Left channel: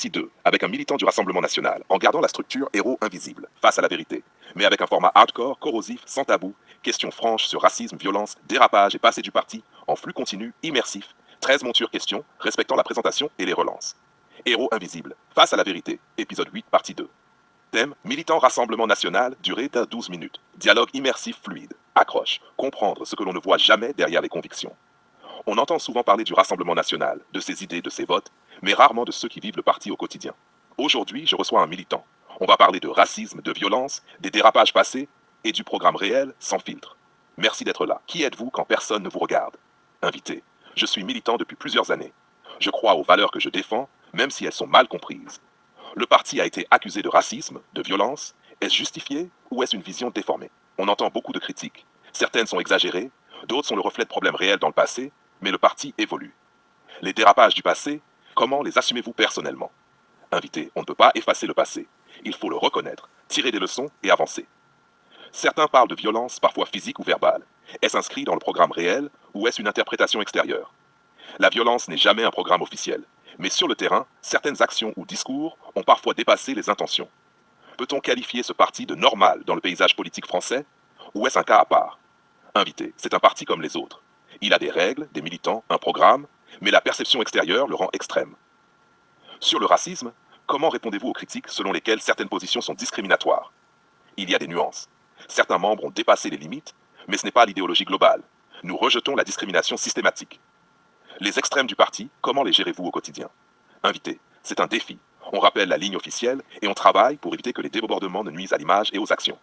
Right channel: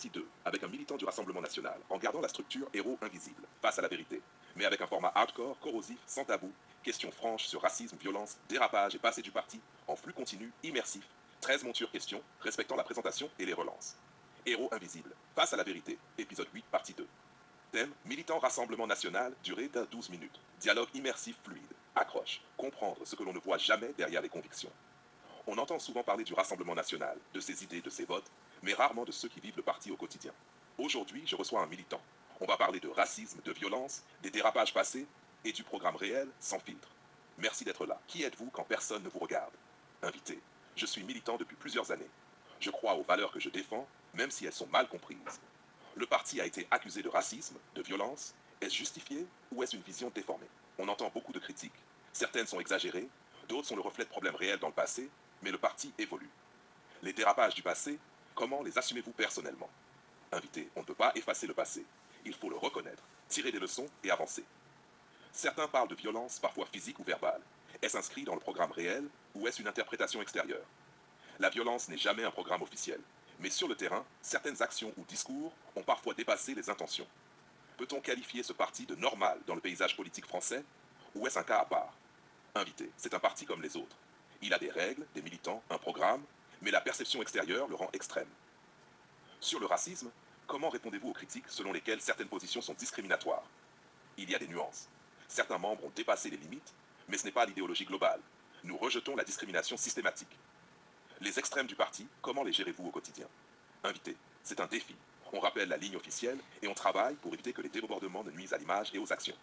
partie 2, avec un militant du Rassemblement national, en gardant la structure héros invisible, face à la vérité, mais avec un format hardcore, corrosif, sans tabou, questions franches sur racisme, violence, dérapage et passé du parti, en flux continu, immersif, 13 montures questions, respectant la présentation et les relances. Héros invisible, face à la vérité, épisode 8, partie 2. Thème, militant Rassemblement national, durée de 12 minutes. Dialogue immersif fluide, accroche, comprendre ce que l'on ne voit jamais derrière les convictions. On entend souvent parler du Rassemblement national, de ses idées, de ses votes, mais rarement de ceux qui vivent le parti au quotidien. Aujourd'hui, je reçois un militant. On va parler de racisme, de violence, des dérapages passés et du programme réel sans filtre. Merci d'être là. Qui êtes-vous quand personne ne vous regarde? Invité. Je suis militant depuis plusieurs années. Je crois aux valeurs que je défends, même si elles sont mal comprises. Le parti a été accusé de racisme, de violence. Est-ce justifié ou est-ce une vision déformée? On entend beaucoup de critiques. Certaines sont exagérées, d'autres sont le reflet de problèmes réels dans le passé, mais le parti évolue. Les dérapages du passé, comment les assumez-vous personnellement? Invité, on ne peut pas effacer le passé. Il faut le reconnaître, tirer des leçons et avancer. Certains parlent de violence, parfois physique ou verbale. Est-ce inscrit dans le programme réel ou est-ce une interprétation extérieure? La violence n'est jamais un programme officiel. Mais sur le terrain, certaines actions ou discours ont parfois dépassé les intentions. Peut-on qualifier ce parti de normal dans le paysage politique français? Ou est-ce un cas à part? Invité, c'est un parti comme les autres. Il a des règles, des militants, un programme, mais la perception extérieure le rend extrême. Sur le racisme, comment répondez-vous aux critiques selon lesquelles certaines positions sont discriminatoires? Il y a des nuances. Certains membres ont dépassé les limites, mais ce n'est pas l'idéologie globale. Nous rejetons la discrimination systématique. Les extrêmes du parti, comment les gérez-vous au quotidien? Invité, c'est un défi. On rappelle la ligne officielle et on travaille pour éviter que les débordements ne nuisent à l'image et aux actions.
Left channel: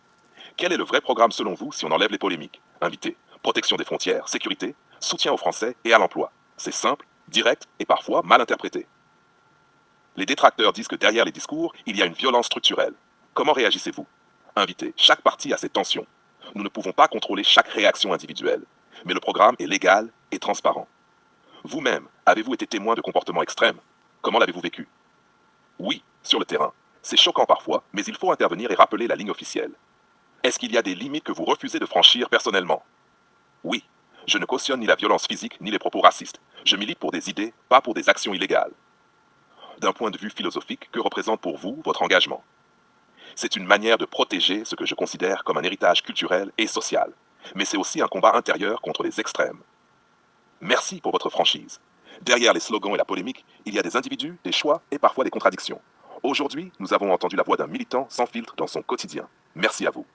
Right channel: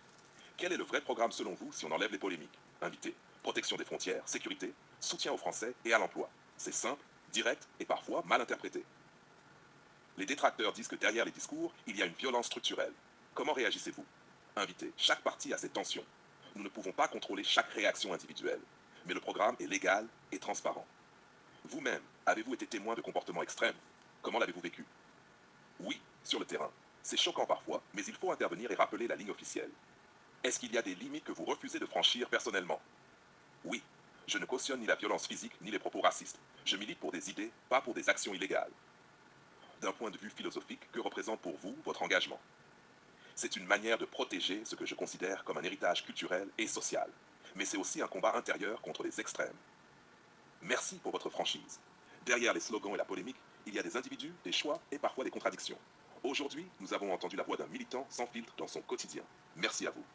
Quel est le vrai programme selon vous si on enlève les polémiques? Invité, protection des frontières, sécurité, soutien aux Français et à l'emploi. C'est simple, direct et parfois mal interprété. Les détracteurs disent que derrière les discours, il y a une violence structurelle. Comment réagissez-vous? Invité, chaque parti a ses tensions. Nous ne pouvons pas contrôler chaque réaction individuelle, mais le programme est légal et transparent. Vous-même, avez-vous été témoin de comportements extrêmes? Comment l'avez-vous vécu? Oui, sur le terrain. C'est choquant parfois, mais il faut intervenir et rappeler la ligne officielle. Est-ce qu'il y a des limites que vous refusez de franchir personnellement? Oui, je ne cautionne ni la violence physique ni les propos racistes. Je milite pour des idées, pas pour des actions illégales. D'un point de vue philosophique, que représente pour vous votre engagement? C'est une manière de protéger ce que je considère comme un héritage culturel et social. Mais c'est aussi un combat intérieur contre les extrêmes. Merci pour votre franchise. Derrière les slogans et la polémique, il y a des individus, des choix et parfois des contradictions. Aujourd'hui, nous avons entendu la voix d'un militant sans filtre dans son quotidien. Merci à vous.